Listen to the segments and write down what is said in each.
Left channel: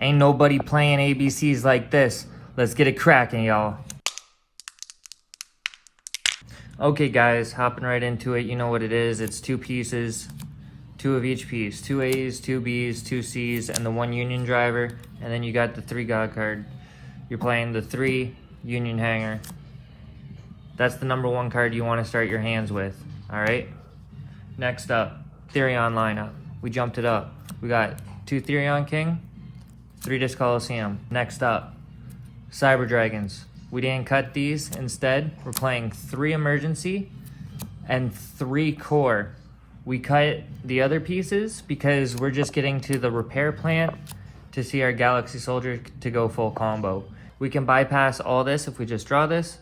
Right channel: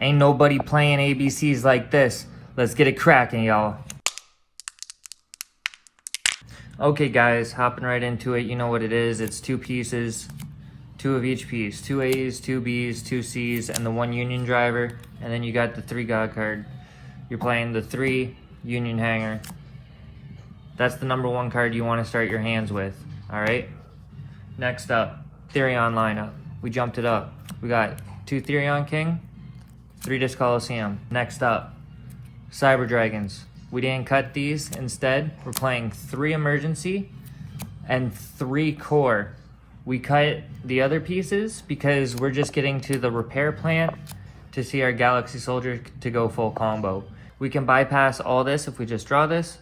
Ain't nobody playing ABCs like this. Let's get it cracking, y'all. Okay guys, hopping right into it. You know what it is. It's 2 pieces, 2 of each piece. 2 A's, 2 B's, 2 C's, and the 1 Union driver. And then you got the 3 God card. You're playing the 3 Union hanger. That's the number 1 card you want to start your hands with. Alright? Next up, Therion lineup. We jumped it up. We got 2 Therion King, 3 Disc Coliseum. Next up, Cyber Dragons. We didn't cut these. Instead, we're playing 3 Emergency and 3 Core. We cut the other pieces because we're just getting to the repair plant to see our Galaxy Soldier to go full combo. We can bypass all this if we just draw this,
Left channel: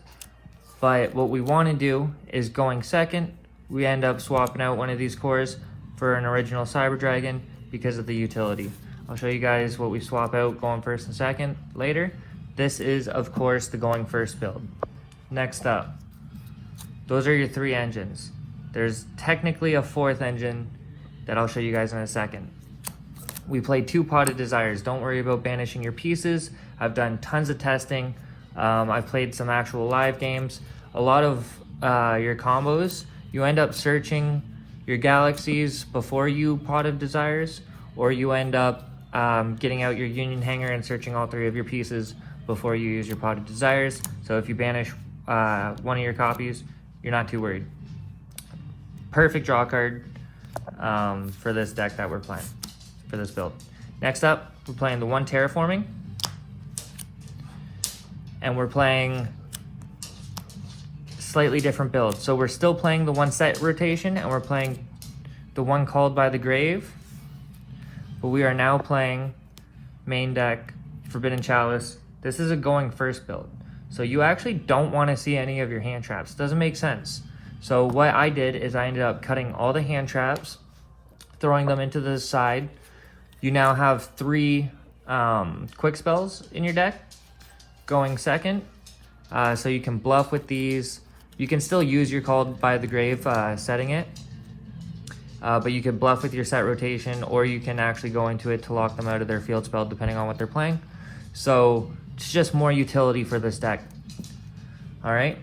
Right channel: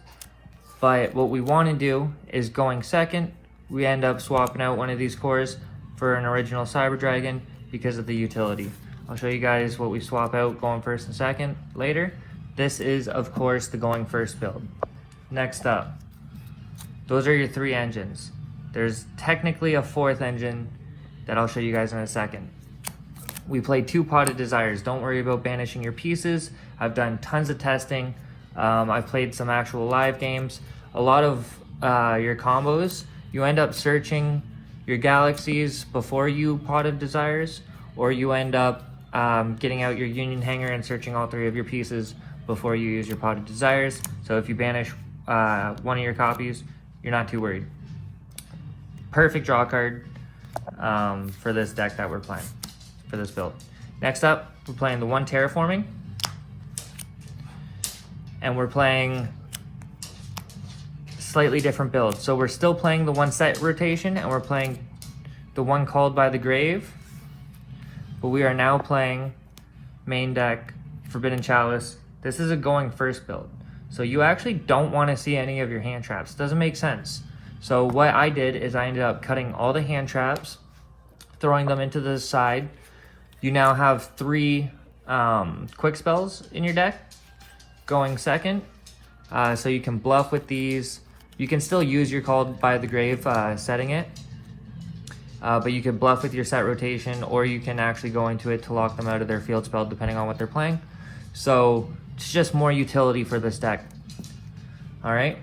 but what we want to do is going second, we end up swapping out one of these cores for an original Cyber Dragon because of the utility. I'll show you guys what we swap out going first and second later. This is, of course, the going first build. Next up, those are your 3 engines. There's technically a 4th engine that I'll show you guys in a second. We played 2 Potted Desires. Don't worry about banishing your pieces. I've done tons of testing. I've played some actual live games. A lot of your combos, you end up searching your galaxies before you Potted Desires, or you end up getting out your Union hanger and searching all 3 of your pieces before you use your Potted Desires. So if you banish one of your copies, you're not too worried. Perfect draw card for this deck that we're playing, for this build. Next up, we're playing the 1 Terraforming. And we're playing slightly different build. So we're still playing the 1 set rotation, and we're playing the 1 Called by the Grave. But we are now playing main deck, Forbidden Chalice. This is a going first build. So you actually don't want to see any of your hand traps. It doesn't make sense. So what I did is I ended up cutting all the hand traps, throwing them into the side. You now have 3 quick spells in your deck going second. So you can bluff with these. You can still use your Called by the Grave setting it. But you can bluff with your set rotation, or you can actually go into it to lock them out of their field spell depending on what they're playing. So it's just more utility for this deck. Alright,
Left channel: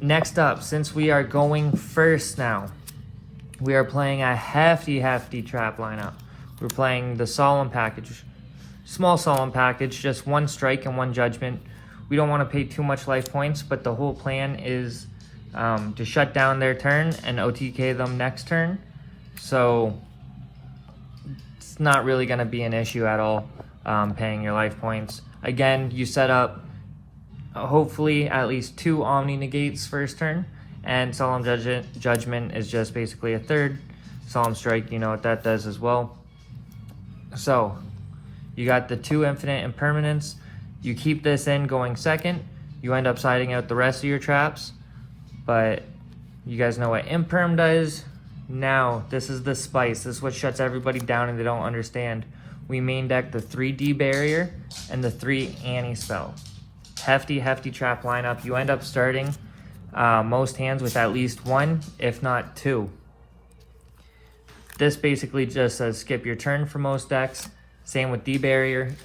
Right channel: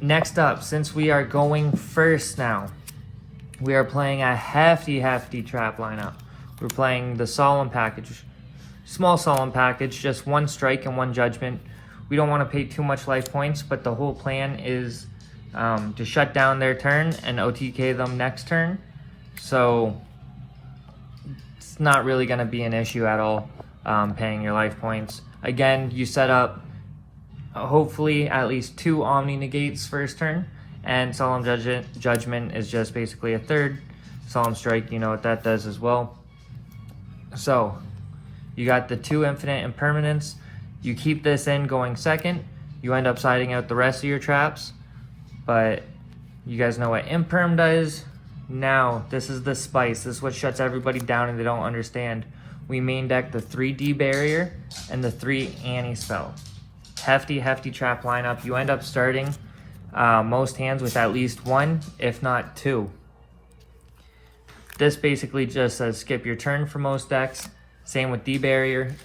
next up, since we are going first now, we are playing a hefty trap lineup. We're playing the Solemn package, small Solemn package, just 1 strike and 1 judgment. We don't want to pay too much life points, but the whole plan is to shut down their turn and OTK them next turn. So it's not really going to be an issue at all, paying your life points. Again, you set up hopefully at least 2 Omni Negates first turn, and Solemn Judgment is just basically a 3rd. Solemn Strike, you know what that does as well. So you got the 2 Infinite Impermanence. You keep this in going second, you end up siding out the rest of your traps, but you guys know what Imperm does. Now, this is the spice. This is what shuts everybody down and they don't understand. We main deck the 3D Barrier and the 3 Anti-Spell. Hefty trap lineup. You end up starting most hands with at least 1, if not 2. This basically just says skip your turn for most decks. Same with D-Barrier.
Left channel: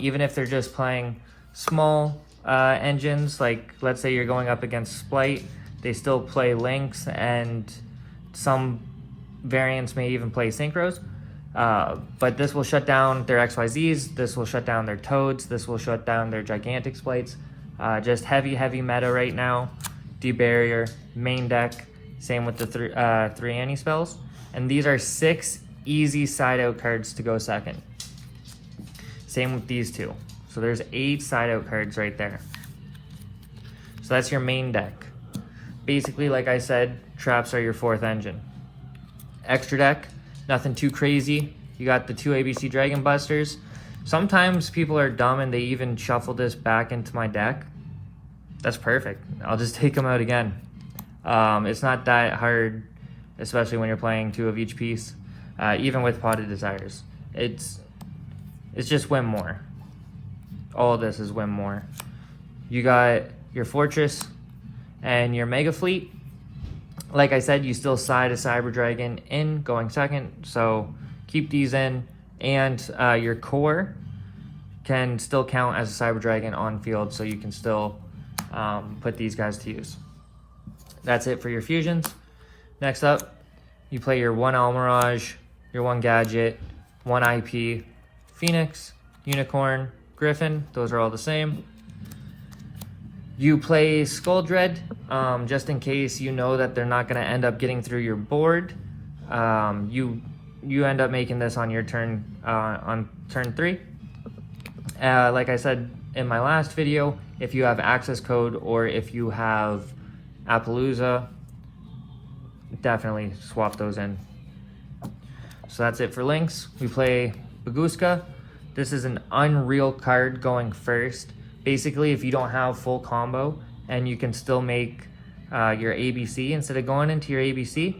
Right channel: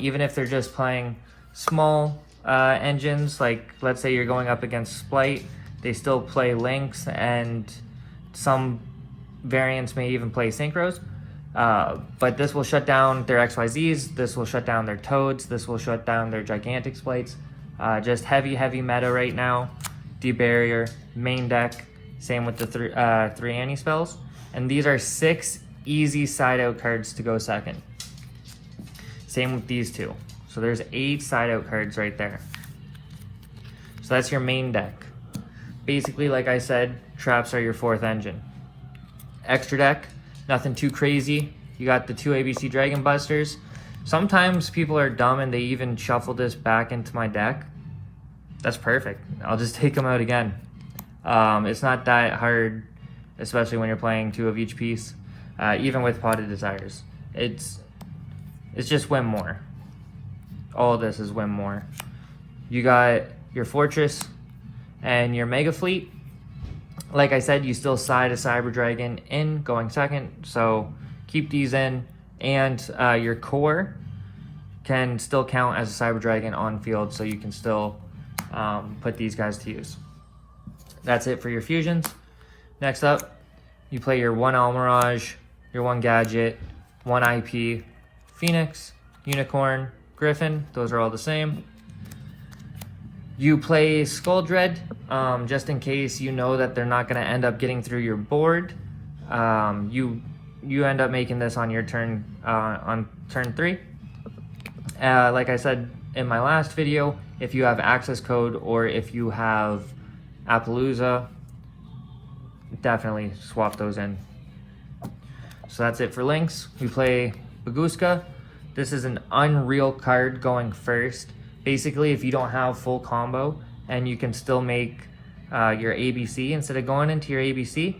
Even if they're just playing small engines, like let's say you're going up against Splight, they still play Lynx, and some variants may even play Synchros. But this will shut down their XYZs, this will shut down their Toads, this will shut down their Gigantic Splites. Just heavy meta right now. D-Barrier, main deck, same with the 3 Anti-Spells. And these are 6 easy side-out cards to go second. Same with these 2. So there's 8 side-out cards right there. So that's your main deck. Basically, like I said, traps are your 4th engine. Extra deck, nothing too crazy. You got the 2 ABC Dragon Busters. Sometimes people are dumb and they even shuffle this back into my deck. That's perfect. I'll just take them out again. It's not that hard, especially when you're playing 2 of each piece. Even with Potted Desires. It's just win more. All of this is win more. You got your Fortress and your Mega Fleet. Like I said, you still side a Cyber Dragon in going second, so keep these in. And your core, can still count as a cyber dragon on field, so you can still put these guys to use. That's it for your fusions. Next up, you play your 1 Almirage, your 1 Gadget, 1 IP, Phoenix, Unicorn, Griffin. Those are all the same. You play Skull Dread, just in case you know that they're not going to end up getting through your board. You end up making this on your turn, on turn 3. Like I said in my last video, if you have access code or if you have Appaloosa, definitely swap those in. So that's it for links. We play Baguska. This is an unreal card going first. Basically, if you don't have full combo and you can still make your ABC, instead of going into your ABC,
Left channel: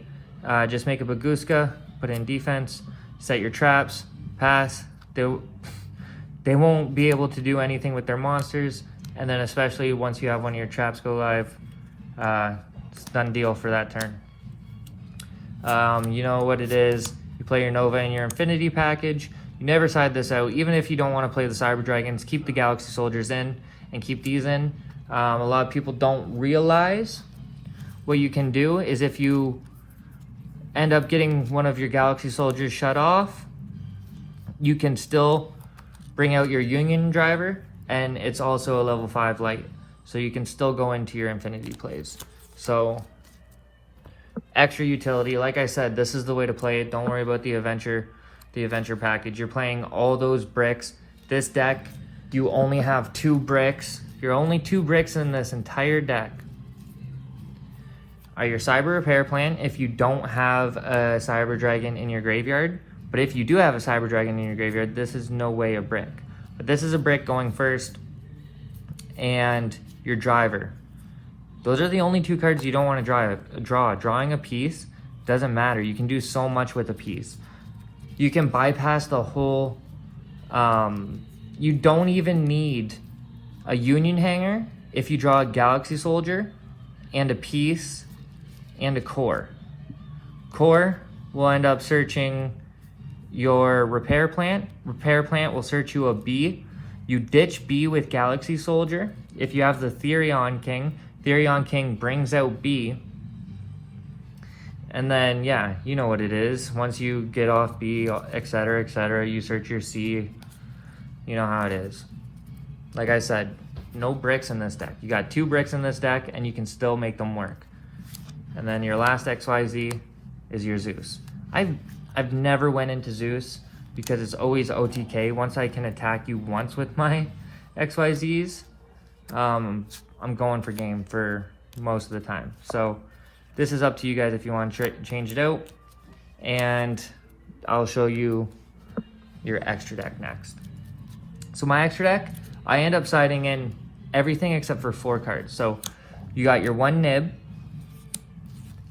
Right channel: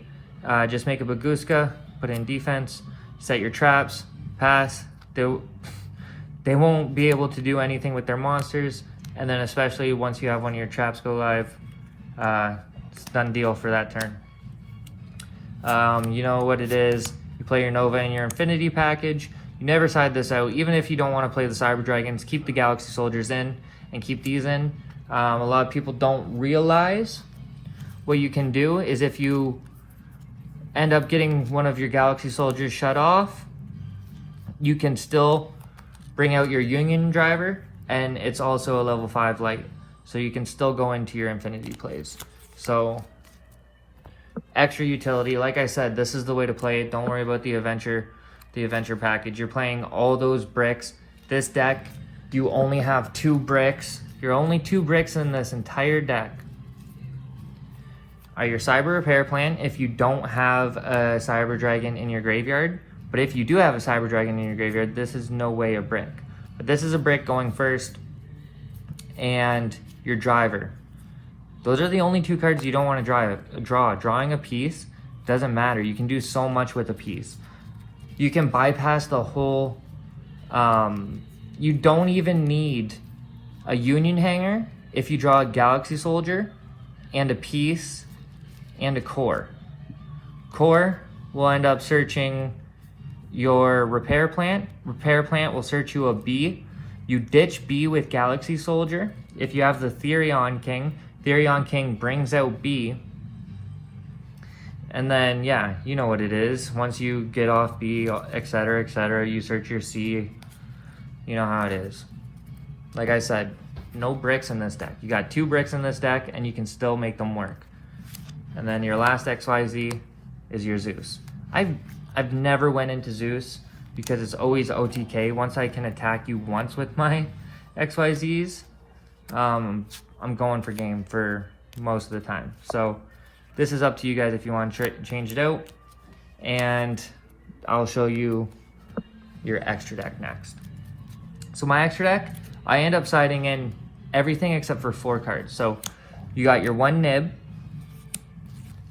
just make a Baguska, put in defense, set your traps, pass. They won't be able to do anything with their monsters, and then especially once you have one of your traps go live, it's done deal for that turn. You know what it is. You play your Nova and your Infinity package. You never side this out. Even if you don't want to play the Cyber Dragons, keep the Galaxy Soldiers in and keep these in. A lot of people don't realize what you can do is if you end up getting one of your Galaxy Soldiers shut off, you can still bring out your Union Driver, and it's also a level 5 light. So you can still go into your Infinity plays. So extra utility. Like I said, this is the way to play it. Don't worry about the adventure package. You're playing all those bricks. This deck, you only have 2 bricks. You're only 2 bricks in this entire deck. Your Cyber Repair Plan, if you don't have a Cyber Dragon in your graveyard. But if you do have a Cyber Dragon in your graveyard, this is no way a brick. But this is a brick going first. And your Driver. Those are the only 2 cards you don't want to draw. Drawing a piece doesn't matter. You can do so much with a piece. You can bypass the whole... you don't even need a Union Hanger if you draw a Galaxy Soldier and a piece and a core. Core will end up searching your Repair Plant. Repair Plant will search you a B. You ditch B with Galaxy Soldier. If you have the Therion King, Therion King brings out B. And then, yeah, you know what it is. Once you get off B, etc., you search your C. You know how it is. Like I said, no bricks in this deck. You got 2 bricks in this deck, and you can still make them work. And then your last XYZ is your Zeus. I've never went into Zeus because it's always OTK. Once I can attack you once with my XYZs, I'm going for game for most of the time. So this is up to you guys if you want to change it out. And I'll show you your extra deck next. So my extra deck, I end up siding in everything except for 4 cards. So you got your 1 Nib,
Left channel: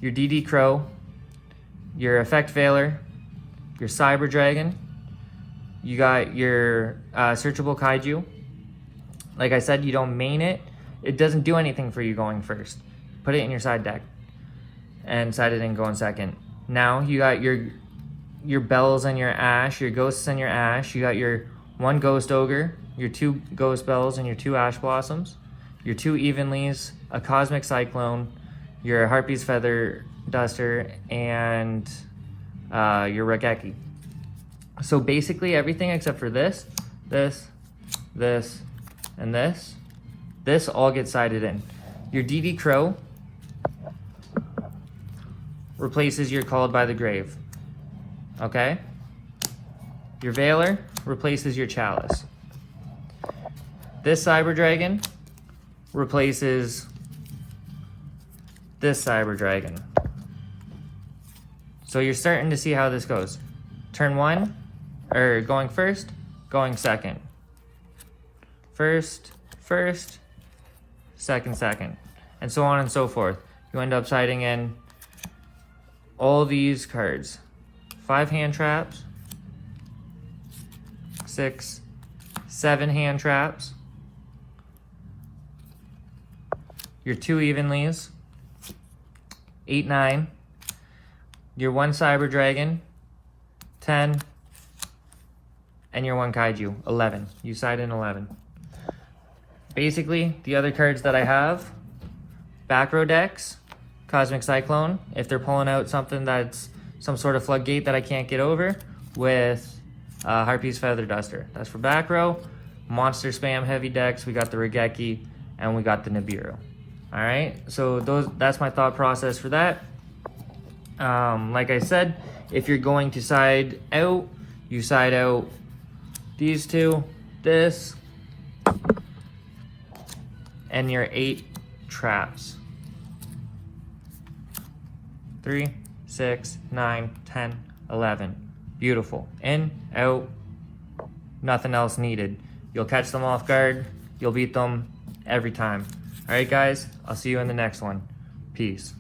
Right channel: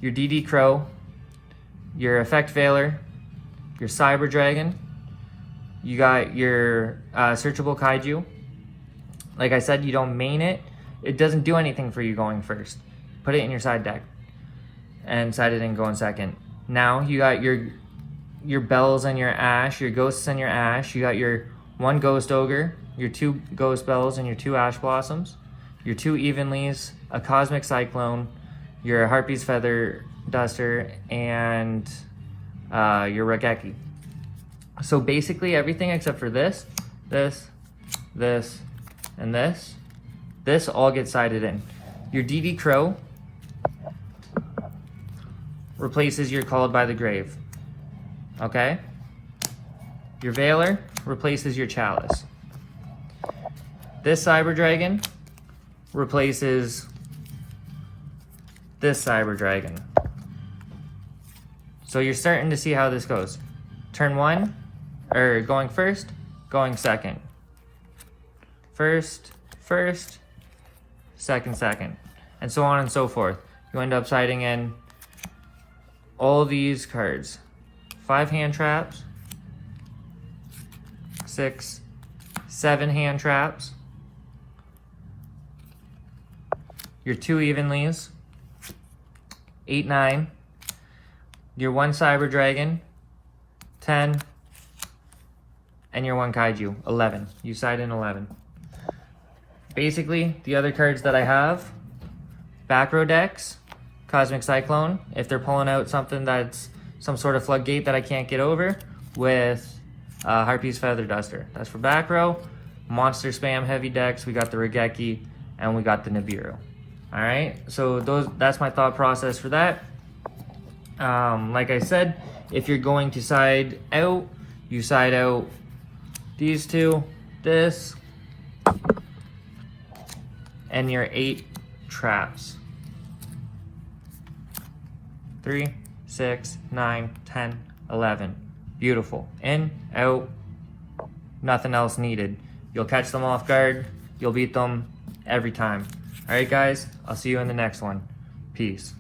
your DD Crow, your Effect Veiler, your Cyber Dragon, you got your Searchable Kaiju. Like I said, you don't main it. It doesn't do anything for you going first. Put it in your side deck and side it in going second. Now you got your Bells and your Ash, your Ghosts and your Ash. You got your 1 Ghost Ogre, your 2 Ghost Bells and your 2 Ash Blossoms, your 2 Evenlies, a Cosmic Cyclone, your Harpy's Feather Duster, and your Regeki. So basically everything except for this, and this all gets sided in. Your DD Crow replaces your Called by the Grave. Okay? Your Veiler replaces your Chalice. This Cyber Dragon replaces this Cyber Dragon. So you're starting to see how this goes. Turn 1, or going first, going second. First, second, and so on and so forth. You end up siding in all these cards. 5 hand traps, 6, 7 hand traps, your 2 Evenlies, 8, 9, your 1 Cyber Dragon, 10, and your one kaiju, 11. You side in 11. Basically, the other cards that I have, back row decks, Cosmic Cyclone, if they're pulling out something that's some sort of floodgate that I can't get over, with Harpy's Feather Duster. That's for back row. Monster Spam heavy decks, we got the Regeki, and we got the Nibiru. Alright, so that's my thought process for that. Like I said, if you're going to side out, you side out these two, this, and your 8 traps. 3, 6, 9, 10, 11. Beautiful. In, out, nothing else needed. You'll catch them off guard. You'll beat them every time. Alright guys, I'll see you in the next one. Peace.